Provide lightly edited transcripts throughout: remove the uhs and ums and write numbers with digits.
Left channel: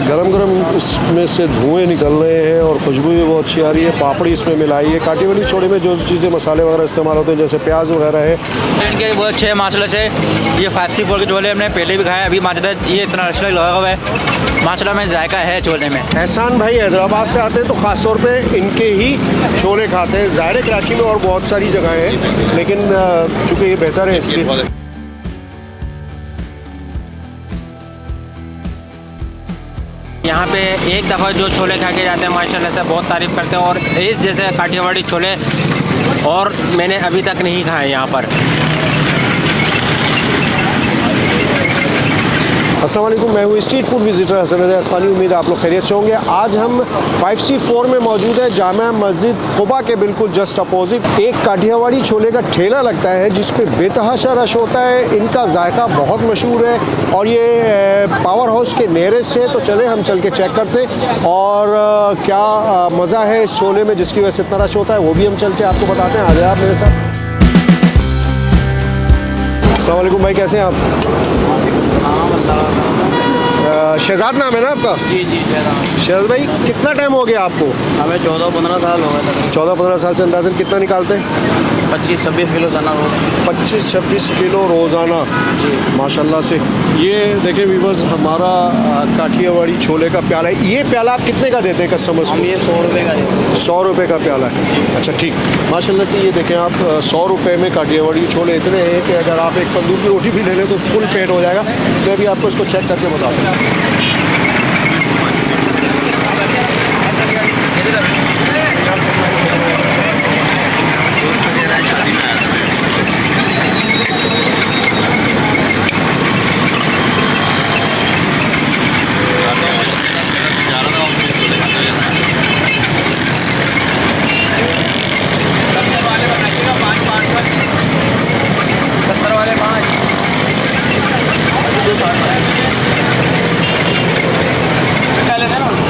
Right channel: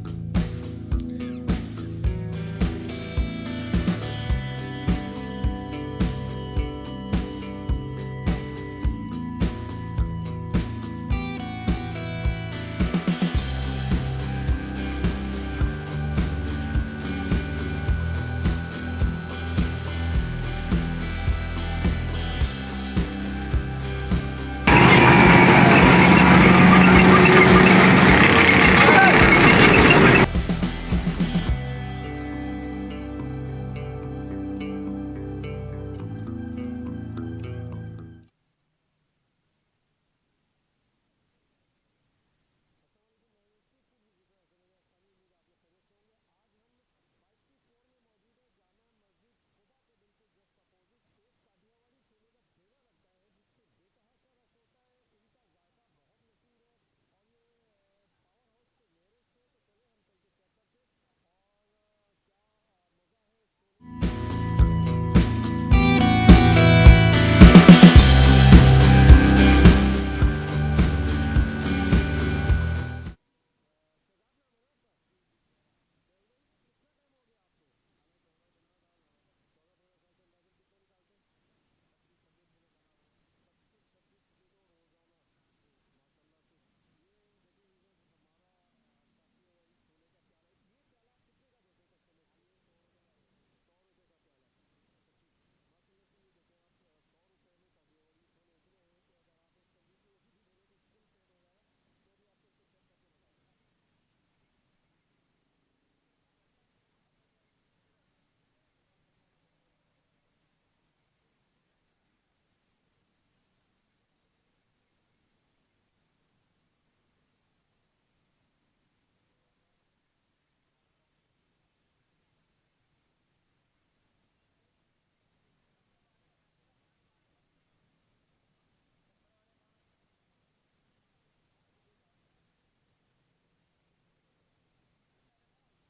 गरम गरम इसमें से धुएं निकल रहे हैं और खुशबू भी बहुत अच्छी आ रही है। पापड़ी इसमें मिलाई है। काटी वाली छोले में जो चीज़ें मसाले वगैरह इस्तेमाल होते हैं जैसे प्याज वगैरह है, इनके बहुत अच्छे माशाल्लाह से। ये 5C4 के छोले हमने पहले भी खाए, अभी माशाल्लाह ये इतना अच्छा लगा हुआ है। माशाल्लाह में जायका है छोले में। एहसान भाई हैदराबाद से आते हैं तो ख़ास तौर पे इनके ही छोले खाते हैं। ज़ाहिर कराची में और बहुत सारी जगह हैं, लेकिन चूँकि ये बेहतर है इसलिए। यहाँ पे एक दफ़ा जो छोले खा के जाते हैं माशाल्लाह से बहुत तारीफ़ करते हैं, और इस जैसे काठियावाड़ी छोले और मैंने अभी तक नहीं खाए यहाँ पर। अस्सलाम वालेकुम, मैं हूँ स्ट्रीट फूड विजिटर हसन रज़ा अस्मानी। उम्मीद है आप लोग खैरियत से होंगे। आज हम 5C4 में मौजूद है, जामा मस्जिद कुबा के बिल्कुल जस्ट अपोजिट। एक काठियावाड़ी छोले का ठेला लगता है जिस पे बेतहाशा रश होता है। इनका जायका बहुत मशहूर है और ये पावर हाउस के नियरेस्ट है। तो चले हम चल के चेक करते और क्या मज़ा है इस छोले में जिसकी वजह से इतना रश होता है, वो भी हम चल के आपको बताते हैं। आ गए आप मेरे साथ। अस्सलाम वालेकुम भाई, कैसे हैं आप? शहजाद नाम है ना आपका? जी जी शहजाद भाई, कितना टाइम हो गया आपको? हमें 14-15 साल हो गए। 14-15 साल से अंदाज़न कितना निकालते हैं? 25-26 किलो चना रोज। 25-26 किलो रोज़ाना जी माशाल्लाह से। ये देखें व्यूअर्स, हमारा काठियावाड़ी छोले का प्याला है। ये प्याला आप कितने का देते हैं कस्टमर्स हम को? ये 100 रुपये का देते हैं। 100 रुपये का प्याला है। अच्छा ठीक, माशाल्लाह से। ये देखें आप 100 रुपये में काठियावाड़ी छोले इतने हैं कि अगर आप एक तंदूर की रोटी भी ले लें तो फुल पेट हो जाएगा। मैं भी आपको इसको चेक करके बताता हूँ।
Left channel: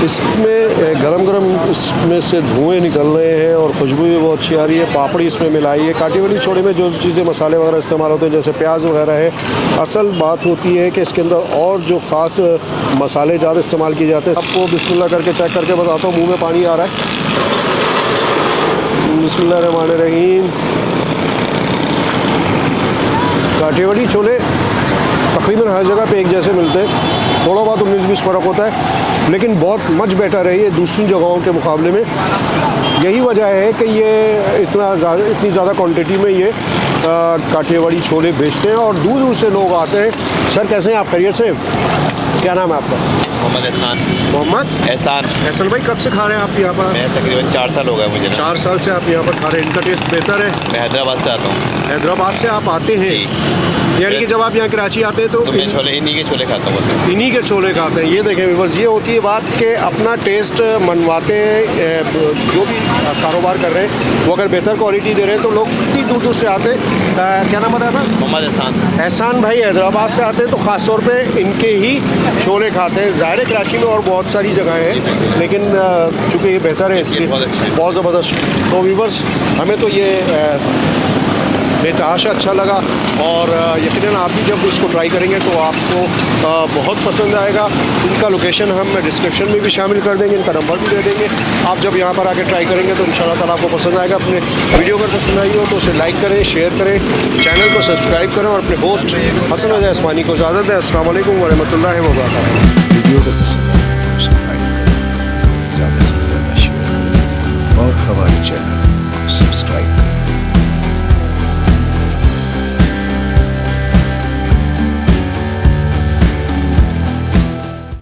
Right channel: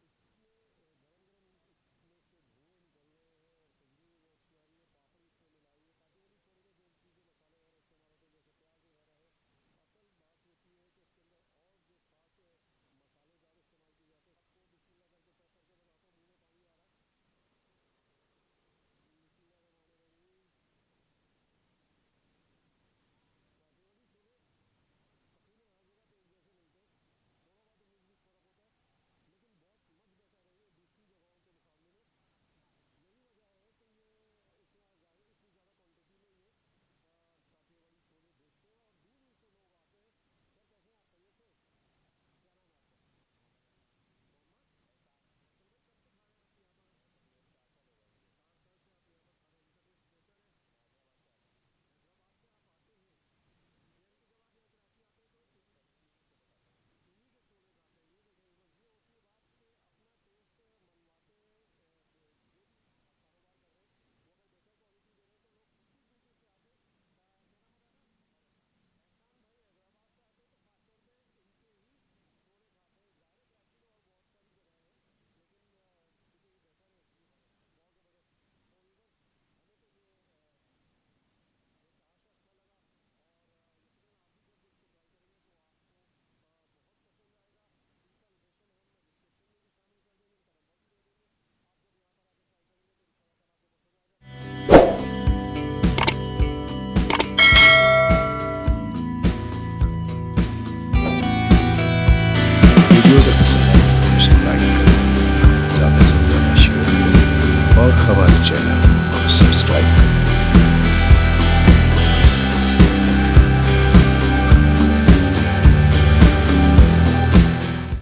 इसमें गरम गरम इसमें से धुएं निकल रहे हैं और खुशबू भी बहुत अच्छी आ रही है। पापड़ी इसमें मिलाई है। काठियावाड़ी छोले में जो चीज़ें मसाले वगैरह इस्तेमाल होते हैं जैसे प्याज वगैरह है। असल बात होती है कि इसके अंदर और जो ख़ास मसाले ज़्यादा इस्तेमाल किए जाते हैं। आपको बिस्मिल्लाह करके चेक करके बताता हूँ, मुँह में पानी आ रहा है। बिस्मिल्लाहिर्रहमानिर्रहीम। काठियावाड़ी छोले तकरीबन हर जगह पे एक जैसे मिलते हैं, थोड़ा बहुत 19-20 फ़र्क होता है, लेकिन बहुत मच बेटर है ये दूसरी जगहों के मुकाबले में। यही वजह है कि ये इतनी ज़्यादा क्वांटिटी में ये काठियावाड़ी छोले बेचते हैं और दूर दूर से लोग आते हैं। सर कैसे हैं आप? खैरियत से? क्या नाम है आपका? मोहम्मद एहसान। मोहम्मद एहसान। एहसान भाई, कब से खा रहे हैं आप यहाँ पर? मैं तकरीबन 4 साल हो गए मुझे। 4 साल से आप यहाँ पर खा रहे हैं। इनका टेस्ट बेहतर है? मैं हैदराबाद से आता हूँ। हैदराबाद से आप आते हैं? यानी कि जब आप यहाँ कराची आते हैं तो मैं छोले इन्हीं के छोले खाता हूँ। इन्हीं के छोले खाते हैं। ये देखें व्यूअर्स, ये होती है बात कि अपना टेस्ट मनवाते हैं। जो भी कारोबार कर रहे हैं वो अगर बेहतर क्वालिटी दे रहे हैं तो लोग इतनी दूर दूर से आते हैं। क्या नाम बताया था? मोहम्मद एहसान। एहसान भाई हैदराबाद से आते हैं तो ख़ास तौर पे इनके ही छोले खाते हैं। ज़ाहिर कराची में और बहुत सारी जगह हैं, लेकिन चूँकि ये बेहतर है इसलिए बहुत ज़बरदस्त। तो व्यूअर्स, हमें तो ये बेतहाशा अच्छा लगा और यकीनन आप भी जब इसको ट्राई करेंगे तो आपको बहुत पसंद आएगा। इनका लोकेशन हम डिस्क्रिप्शन में भी शामिल कर देंगे, इनका नंबर भी दे देंगे। आप जब यहाँ पर आके ट्राई करेंगे तो इंशाल्लाह ताला आपको पसंद आएगा। अपने वीडियो अगर पसंद आई हो तो उसे लाइक करें, शेयर करें, चैनल को सब्सक्राइब करें और अपने होस्ट हसन रज़ा अस्मानी को इजाज़त दें। अस्सलाम वालेकुम व रहमतुल्लाहि व बरकातहू।